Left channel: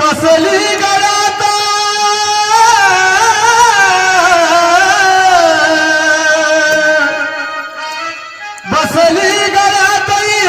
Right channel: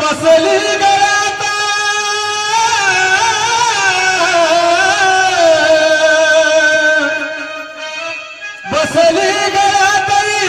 बसली गया था बसली गया था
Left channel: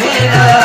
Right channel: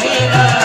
Amina